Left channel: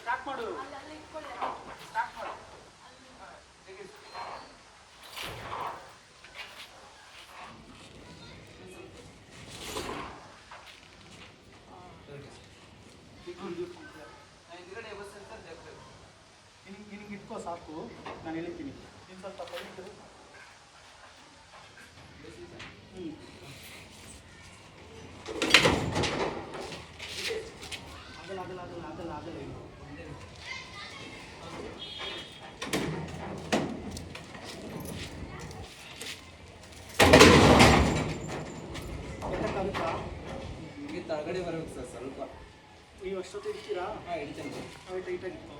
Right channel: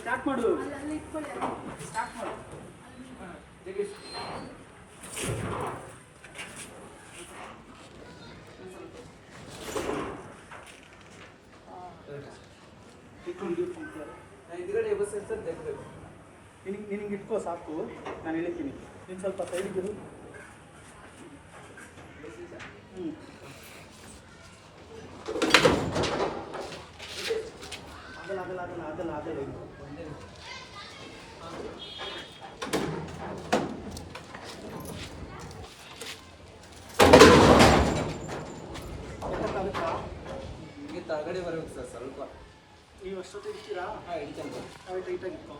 Start ಮಾಡು. ನಿನ್ಗೆ ಇಟ್ಕೋ ಸಾಕು, ನಾನು ಹೇಳ್ತೀನಿ. ನೀನು ಸ್ವಲ್ಪ ಸೈಡಿಗೆ ಆಗಲ್ಲ. ನಿಮಗೆ ತಳಗಡೆ ಬರಬೇಕು ಸರ್ ಸ್ವಲ್ಪ. ನೀವು ಅಷ್ಟೊತ್ತು ಇರ್ತೀರಾ? ಹಾಂ ಹಿಡಿತೇನೆ. ಟೈಟಾಗಿ ಇಟ್ಕೋ.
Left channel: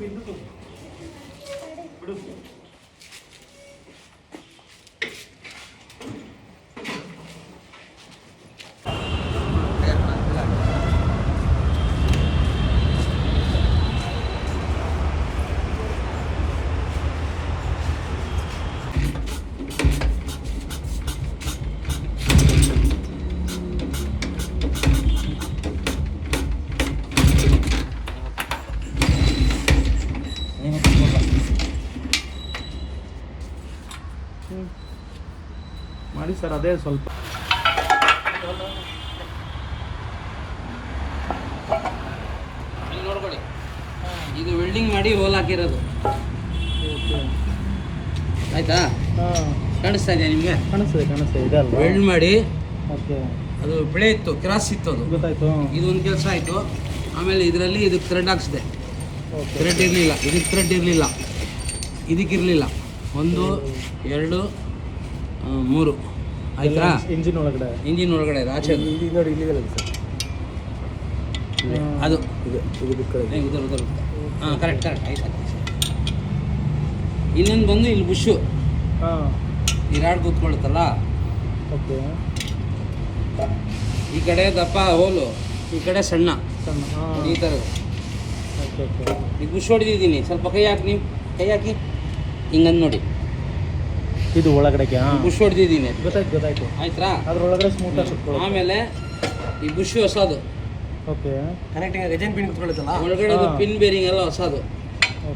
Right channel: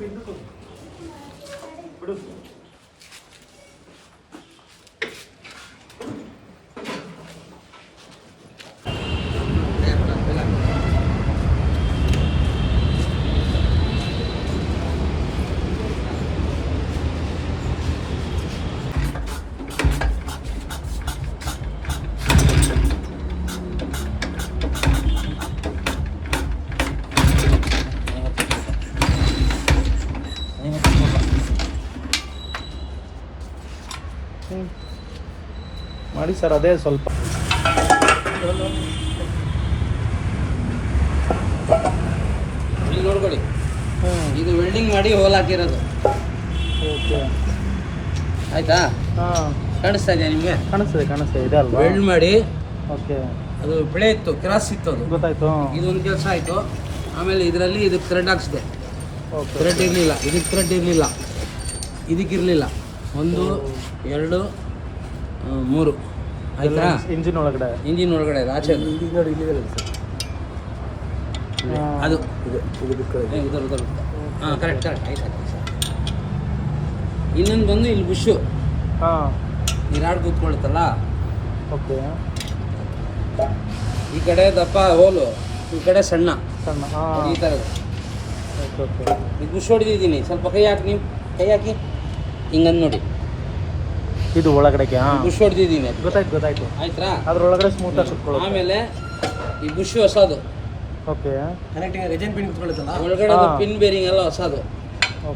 ಹಿಂದಕ್ಕೂ ಬಿಡು. ಮಾಡಿ ಸರ್, ಅದೇ ಸ್ವಲ್ಪ ಇಲ್ಲಿ ನೋಡ್ಕೊಳ್ಳಿ, ಇದು ವೆಲ್ಡಿಂಗ್ ಮಾಡಿ ಹೋಲ್ ಹಾಕಿರೋದು. ಆಯ್ತಾ? ಕಾಣಿಸ್ತಾ ಇದೆಯಾ ನಿಮಗೆ? ಕಾಣಿಸ್ತದೆ ಇದೆ ಅಲ್ವಾ? ವೆಲ್ಡ್ ಮಾಡಿ. ಓಕೆ. ಅದು ಬೆಳೆ ಇತ್ತು, ಕ್ರಾಸ್ ಇತ್ತು, ಅದು ಗೊತ್ತಾಯ್ತು. ಇದೊಂದು ಕೆಲಸ ಆಯಿತು. ಆಮೇಲೆ ಇದರಲ್ಲಿ ಇದಕ್ಕೆ ಥ್ರೆಡ್ ಹಾಕ್ಸಿದೆ. ಥ್ರೆಡ್ ಇರಲಿಲ್ಲ, ಇದಕ್ಕೆ ಥ್ರೆಡ್ ಇರಲಿಲ್ಲ, ಇದಕ್ಕಿರಲಿಲ್ಲ. 1 2 3 ಆಯ್ತಾ? ಇಂಜಿನ್ ಒಳಗಡೆ ಆಚೆ ನೋಡಿ, ಅದು ಉದರ್ ಹಾಂ, ಕರೆಕ್ಟ್ ಆಯ್ತು. ಇನ್ನೊಂದು ಬಂದು ಇಲ್ಲಿ ಬುಷು ಈ ರಾಡ್ ಕೂತ್ಕೊಳುತ್ತಲ್ಲ, ಓಕೆ. ಈ ಕಡೆ ದಪ್ಪ ಹೋಲು, ಈ ಕಡೆ ಸಣ್ಣ ಈ ಥರದ್ದು. ಈಗ ಬುಷ್ ಹೊಡೆದಿದ್ದೀನಿ. ಸ್ವಲ್ಪ ಕೈ ಹಾಕಿ, ನೀವು ಕೈ ಹಾಕಿ ಹಿಂಗಂದು ನೋಡಿ. ಇದು ಒಳಗಡೆಗೆ ಬುಷ್ ಹೊಡೆದಿದ್ದೀನಿ. ಗೊತ್ತಾಯ್ತು. ಆಯ್ತಾ? ಅದ್ರೊಳಗಡೆ ಸ್ಮೂತ್ ಆಗಿ. ಆಮೇಲೆ ಈ ಬುಷ್ ಹೊಸದು. ಓಕೆ. ಕನೆಕ್ಟಿಂಗ್ ರೆಜನ್ ಪಿನ್ ಕುತ್ಕೊಳ್ಳುತ್ತಲ್ಲ, ಒಳಗಡೆ ಪಿನ್ ಬೇರಿಂಗ್ ಎಲ್ಲ ಹೊಸದು.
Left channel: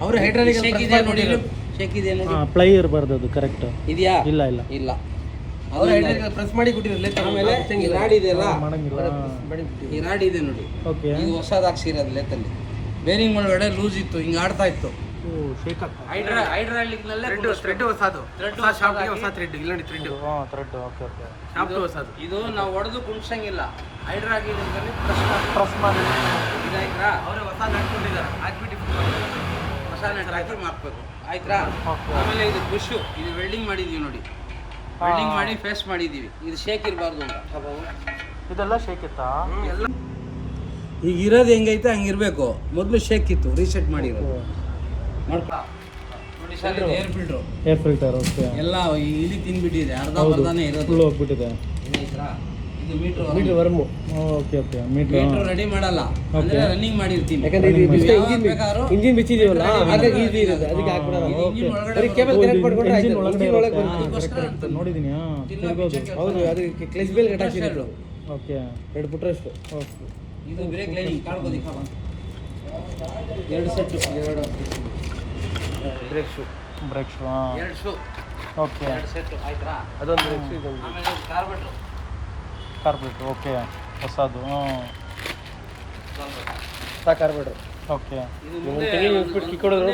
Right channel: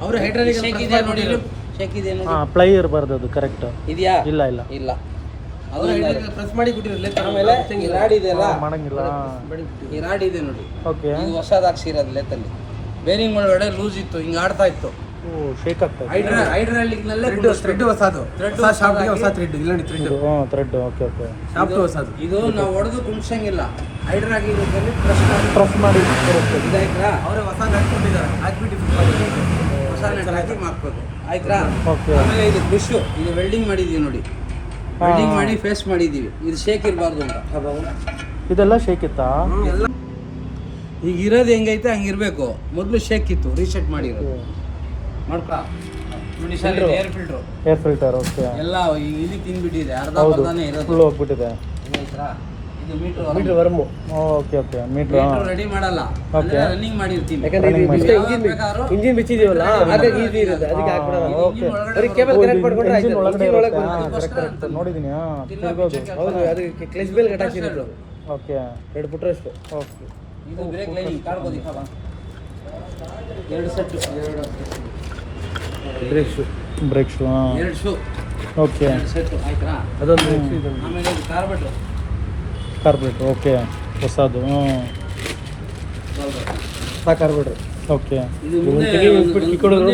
ಅವರು ಹೈಡ್ರಾಲಿಕ್ ಶೇಕ್ ಇದೆ ನೋಡಿ, ಶೇಕ್ ಇದೆ ನೋಡಿ. ಪ್ಲೈ ಇರಬಾರ್ದು, ಅದು ಕರೆಕ್ಟ್ ಇದೆಯಾ? ಇಲ್ಲ. ಅದು ಪ್ರೆಸ್ ಮಾಡಿ ಕೊಟ್ಟಿರಲ್ಲ. ಆಮೇಲೆ ಈ ರಾಡ್ ಇದೆಯಲ್ಲ, ಮಾಡಂಗಿಲ್ಲ. ಈ ರಾಡ್ ಇದೆ ನೋಡಿ. ಓಕೆ. ಇದು ಹೊಸದು ಹಾಕ್ಸಿರೋದು ಲೆತ್ತಲ್ಲಿ. ಬೇರಿಂಗ್ ಒಳಗಡೆ ಲೂಸ್ ಇತ್ತು, ಹಿಂಗೆ ಆಡ್ತಾ ಇತ್ತು. ಶೇಕ್ ಆಗ್ತಾ ಇದೆ. ಹೈಡ್ರಾಲಿಕ್ ನಲ್ಲೇ ಥ್ರೆಡ್ ಹೊಸದು, ಹೊಸ ಶಾಫ್ಟ್ಗೆ ಹೊಸ ಥ್ರೆಡ್. ಇಲ್ಲ ನೋಡಿ ಥ್ರೆಡ್. ಥ್ರೆಡ್. ಓಕೆ. ಶಾಫ್ಟ್ ಹೊಸದು. ಇದು ನಾವು ಹೊಡೆದು ಕುಂಡ್ಸಂಗಿಲ್ಲ. ಹೈಡ್ರಾಲಿಕ್ ಪ್ರೆಸ್ ಮಾಡಿ ಇದಾಯ್ತಾ? ಅವರೇ ಹೊಸ ಹಾಕ್ಬಿಟ್ಟಿದ್ದಾರೆ, ಹಾಕ್ಬಿಟ್ಟು ಹೊಸ ನೆಟ್ ಹಾಕಿ ಮಾಡ್ಬೋದು. ಆಯ್ತಾ? ಓಕೆ. ಆಮೇಲೆ ಇದು ಬುಷ್, ಇದು ವೆಲ್ಡಿಂಗ್ ಮಾಡಿದೀವಿ ನೋಡಿ. ವೆಲ್ಡಿಂಗ್ ಮಾಡಿ ಫೇಸ್ ಮಾಡಿದೀವಿ. ಇದು ಶೇಕ್ ಇರಬಾರ್ದು ಅಂತ. ಇದೆಲ್ಲ ಶೇಕ್ ಇತ್ತಾ? ಈಗ ಇರೋದು ಹೆಂಗೈತೆ ಹಂಗಿರ್ಬೇಕು. ಮೊದಲು ಶೇಕ್ ಇತ್ತು, ರೀಸೆಟ್ ಮಾಡಿರೋದು. ನೋಡ್ಪಾ ನೋಡಿ ಸರ್, ಏರ್ ಫಿಲ್ಟರ್. ಓಕೆ. ಎಲ್ಲ ಇಲ್ಲಿ ತಿನ್ಬಿಟ್ಟಿದೆ, ಅರ್ಧನೇ ಇರೋದು, ಫುಲ್ ಹೋಗ್ಬಿಟ್ಟಿದೆ. ಇದು ಮೀಟರ್ ವರ್ಮು. ಓಕೆ. ಮೀಟರ್ ರೆಡಿ ಮಾಡಲ್ಲ, ಅಂದ್ರೆ ರನ್ನಿಂಗ್ ಮಾಡಿರ್ತೀನಿ. ಇಂಜಿನ್ ಬಿಚ್ಚಿದೀವಲ್ಲ, ಹಾಗಾಗಿ ಈಸಿ ಇರುತ್ತೆ, ಅದಕ್ಕೆ ಹಾಕ್ಬಿಡೋದು. ಕೇಬಲ್ ಕನೆಕ್ಟ್ ಮಾಡ್ಕೊಂಡ್ರೆ ಇಂಜಿನ್ ಒಳಗಡೆ ಒಳಗೆ ಕರೆಕ್ಟ್ ನೋಡಿದೀನಿ. ಹೌದು, ಅದಕ್ಕೆ ಕ್ಲಚ್ ಬೇಲ್ ಕಟ್ ಹಾಕಿರೋದು. ಓಕೆ. 2 ಪುಟ್ರಷ್ಟು. ಓಕೆ. ಇದು ಬ್ರೇಕ್ ಲೈನಿಂಗ್ ಕಾಡ್ಬೋದು. 2 set, brake shoe. 2 shoe. Okay. 2 set ಆಯ್ತಾ? ಅದೊಂದು. ಆಮೇಲೆ ಇದು ಕಾರ್ಬೆಟ್ರು. ಓಕೆ. ಹೊಸದು. ಕಾರ್ಬೆಟ್ರು. ಓಕೆ. ಇದು ಮುಂದೆ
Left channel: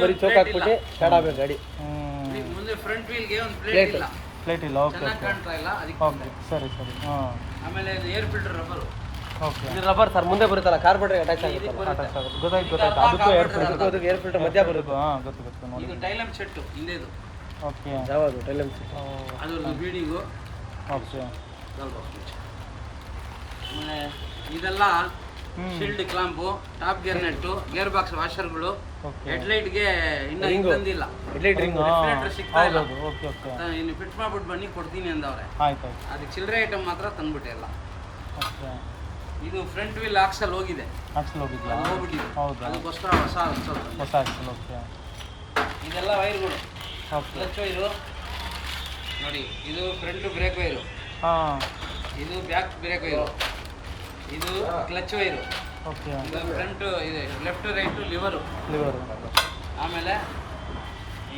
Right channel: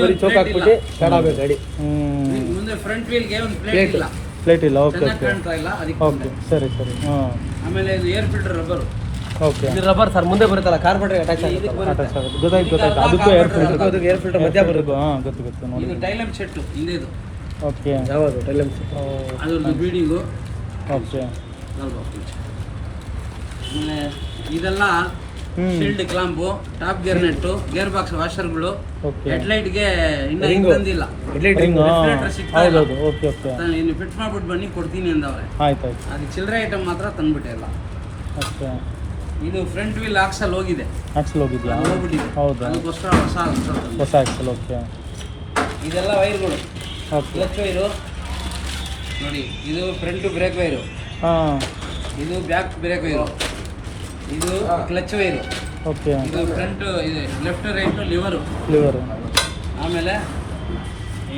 ಬರೀ ಚೌಕ್ ಹಾಕ್ಬಿಟ್ಟು ಸ್ಟಾರ್ಟ್ ಆಗಬೇಕು ಗಾಡಿ. ಮುಂದೆ ಫ್ರಂಟ್ ವೀಲ್ಗೆ ಒಂದು ಪ್ಲೇಟ್ ಇಲ್ಲ. ಓಕೆ. ಕಾಣ್ತಾ ಇಲ್ಲ ಅದಕ್ಕೆ. ಓಕೆ. ಸರಿ. ಆಮೇಲೆ ಇದು ಏರ್ ಫಿಲ್ಟರ್ ರಬ್ಬರ್. ಓಕೆ. ಇದು ರಬ್ಬರ್ ಸರ್, ಮುಂದೆ ಬರುತ್ತಲ್ಲ, ಕಾರ್ಬೆಟ್ರಿಗೆ ಅಟ್ಯಾಚ್ ಆಗುತ್ತೆ. ಗೊತ್ತಾಯ್ತು. ಅದಕ್ಕೂ ಏರ್ ಫಿಲ್ಟರ್. ಏರ್ ಫಿಲ್ಟರ್ ಮಧ್ಯ ಬರುತ್ತೆ. ಗೊತ್ತು ನೋಡಿ. ಇದು ಟೈಲಮ್ ಸೆಟ್ ಹಿಂದೆ ಇದು. ಓಕೆ. ಯಾವುದು ಟೈಲಮ್ ಸೆಟ್? ಅದೊಂದು ಬೀಡಿಂಗು. ಓಕೆ. ಆಮೇಲೆ ಇದೆಲ್ಲ ಶೀಲ್ಡ್ ಕ್ಲಾಂಪು, ಟಾಪ್ ಗೇರ್ ನೆಟ್ಟು, ಗೇರ್ ಬಾಕ್ಸ್ ವಾಷರ್ಗಳು, ಹೆಡ್ಲೈಟ್ಗೆ ಇನ್ನೂ ಬಂದಿಲ್ಲ. ಹೌದೌದು. ಓಕೆ. ನಾನು ಇನ್ನು ಫಿಟ್ ಮಾಡ್ಬಿಟ್ಟು ಬನ್ನಿ ಕೊಡ್ತೀನಿ ಅಂದವ್ರೆ. ಆಯ್ತು. ಅದು ಚಿಲ್ಲರೆ ಐಟಮ್ ಮಾತ್ರ ತಂದ್ಬಿಟ್ಟೆ ಎಲ್ಲ. ಓಕೆ. ಇದು ಫ್ರಂಟ್ ವೀಲ್ ಆಕ್ಸಲ್ ಹೋಗಿದೆ, ಆಕ್ಸಲ್ ಹೋಗಿದ್ಯಾ? ಅದು ಹೋಗ್ಬಿಟ್ಟಿದೆ. ಹೌದಾ? ಅದಕ್ಕೋಸ್ಕರ ಹೊಸ ಆಕ್ಸಲ್ ತಂದೆ. ಹೊಸ ಆಕ್ಸಲ್. ಓಕೆ ಇದೆಲ್ಲ ವೈರ್ಗಳು. ಓಕೆ. ಕ್ಲಚ್ ವೈರು ನೋಡಿ, ಇದು ಫ್ರಂಟ್ ಬ್ರೇಕ್ ವೈರು, ಹಾಂ ಇದು ಬ್ಯಾಕ್ ಬ್ರೇಕ್ ವೈರು, ಇದು ಕ್ಲಚ್ ವೈರು, ಓಕೆ. ಇದು ಫ್ರಂಟ್ ಇದೆ ಲೆಫ್ಟ್ ರೈಟ್ ಲಿವರು. ಲಿವರು. ಆಮೇಲೆ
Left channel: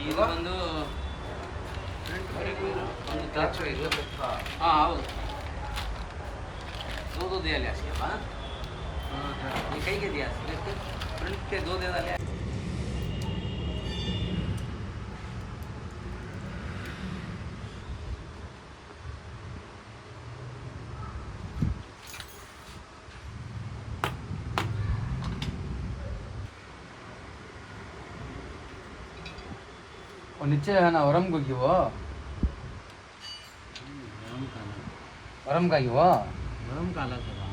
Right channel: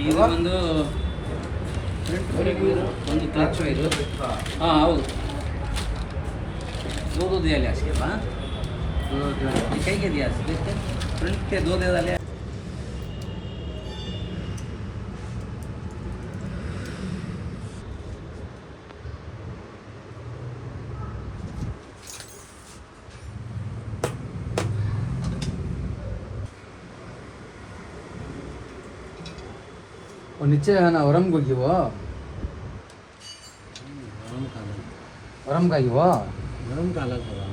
ಇದು ಒಂದು ಫ್ರಂಟ್ ಬ್ರೇಕ್ ವೈರು, ಒಂದು ಕ್ಲಚ್ ವೈರು. ಹಾಂ ಹೌದು, दो दो दिया लिया इसके बाद कहीं के दिया फ्रंट के दो दे डाले. वो नीचे है ना वरम को वो वरम का वो वरम का अलग होगा.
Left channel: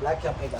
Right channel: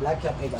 ಬ್ಲ್ಯಾಕ್ ಚಾಪ್ ಈಗ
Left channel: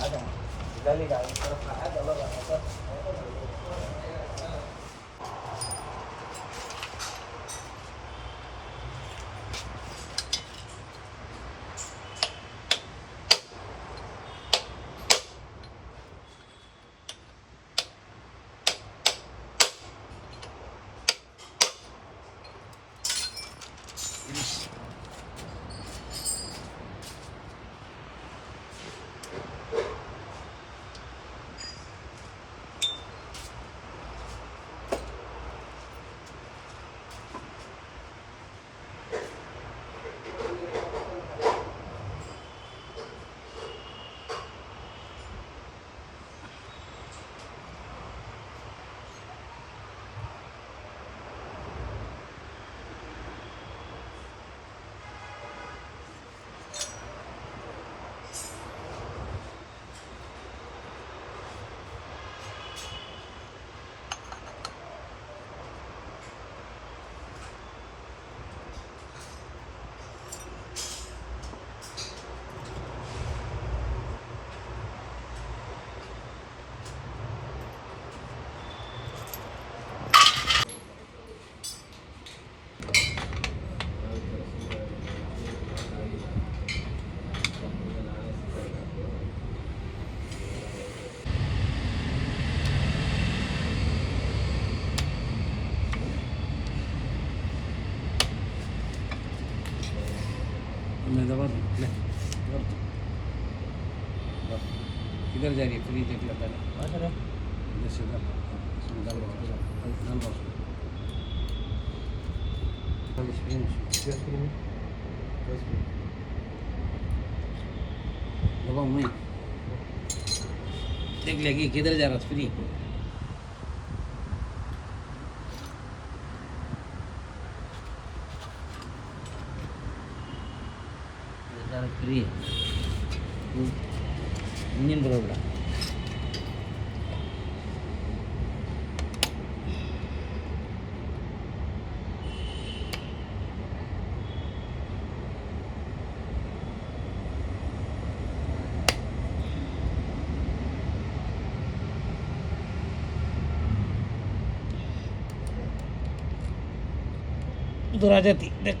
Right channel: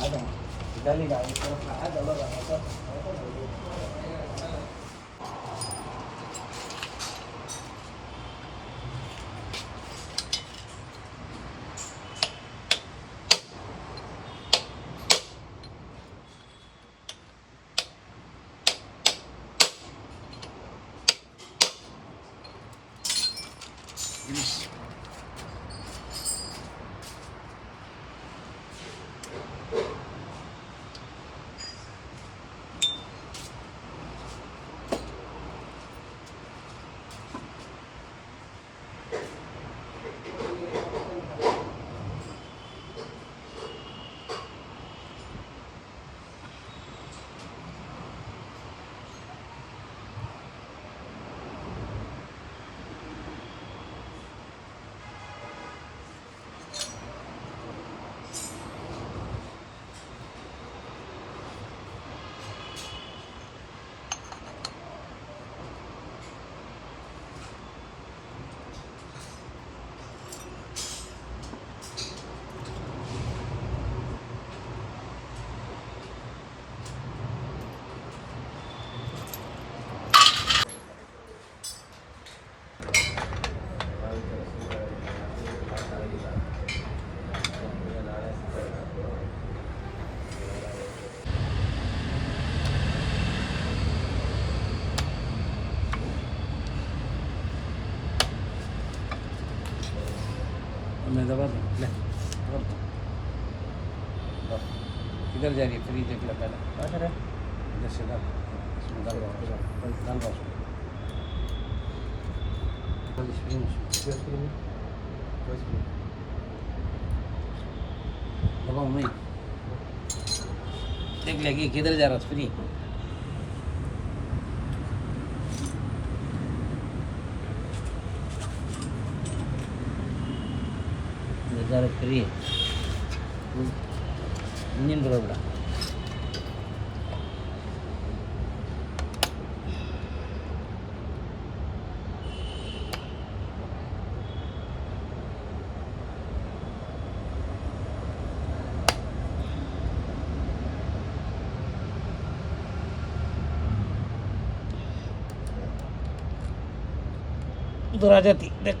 इधर जा रही है फ्री देख लो पहले इधर से डाल इसमें डाल दबाओ नहीं देख लेगी किधर जा रहा है फ्री फ्री इंजिन बरोबर उधर आ जाती देख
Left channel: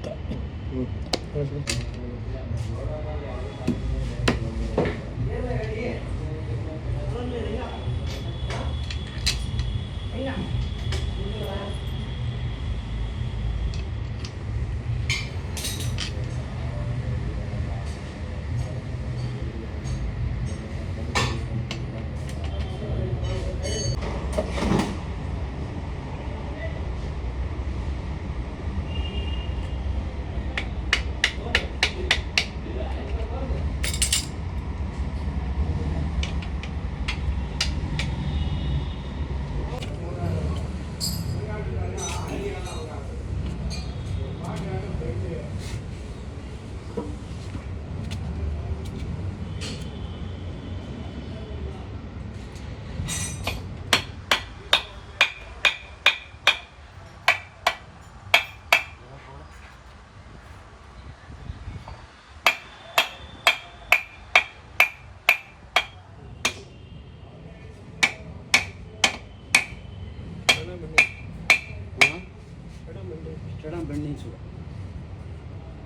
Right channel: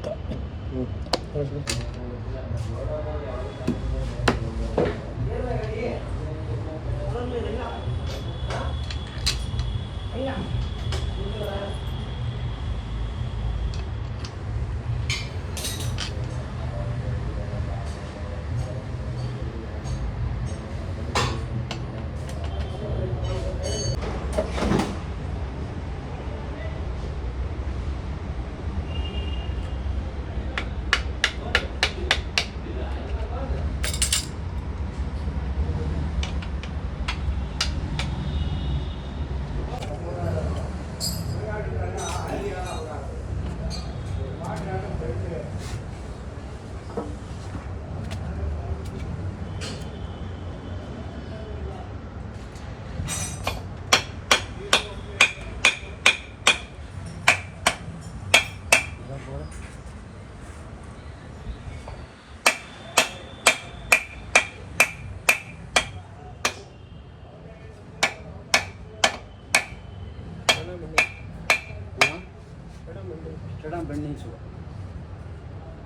बंडी छुआ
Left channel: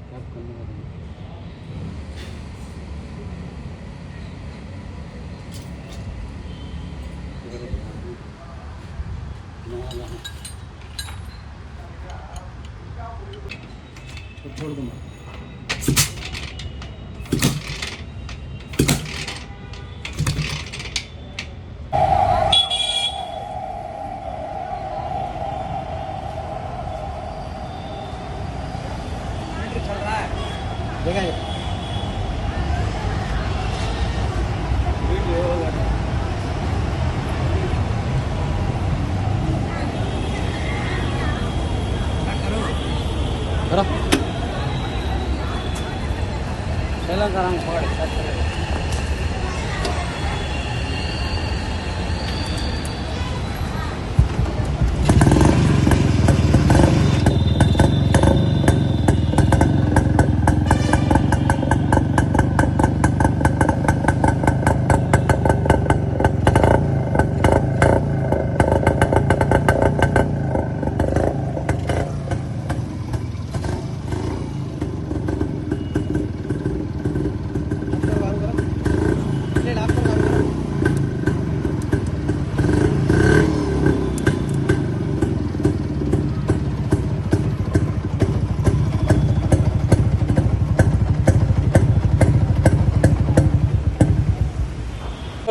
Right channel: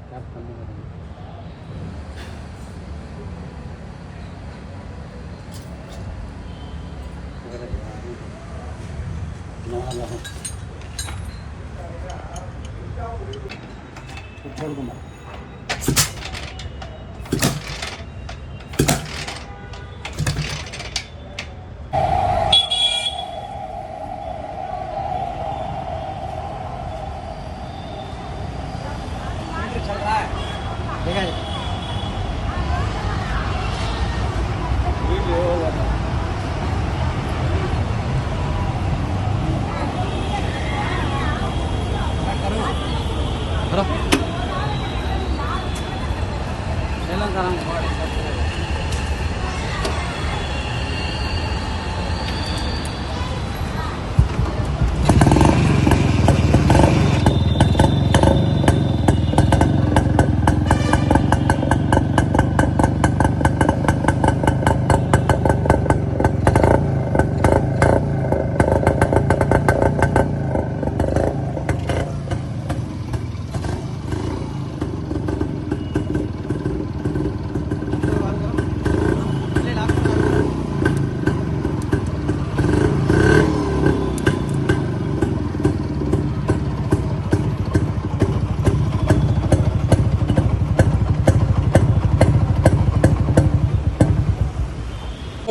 कैप करने का छोड़ दूंगा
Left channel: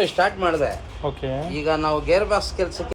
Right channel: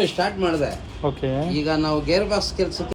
ಸ್ಟಾರ್ಟ್ ಮಾಡಿದೆ. ಓಕೆ. ಈಗ ನಾವು ಗೇರ್ ಬಾಕ್ಸ್ ಕೆಲಸಕ್ಕೆ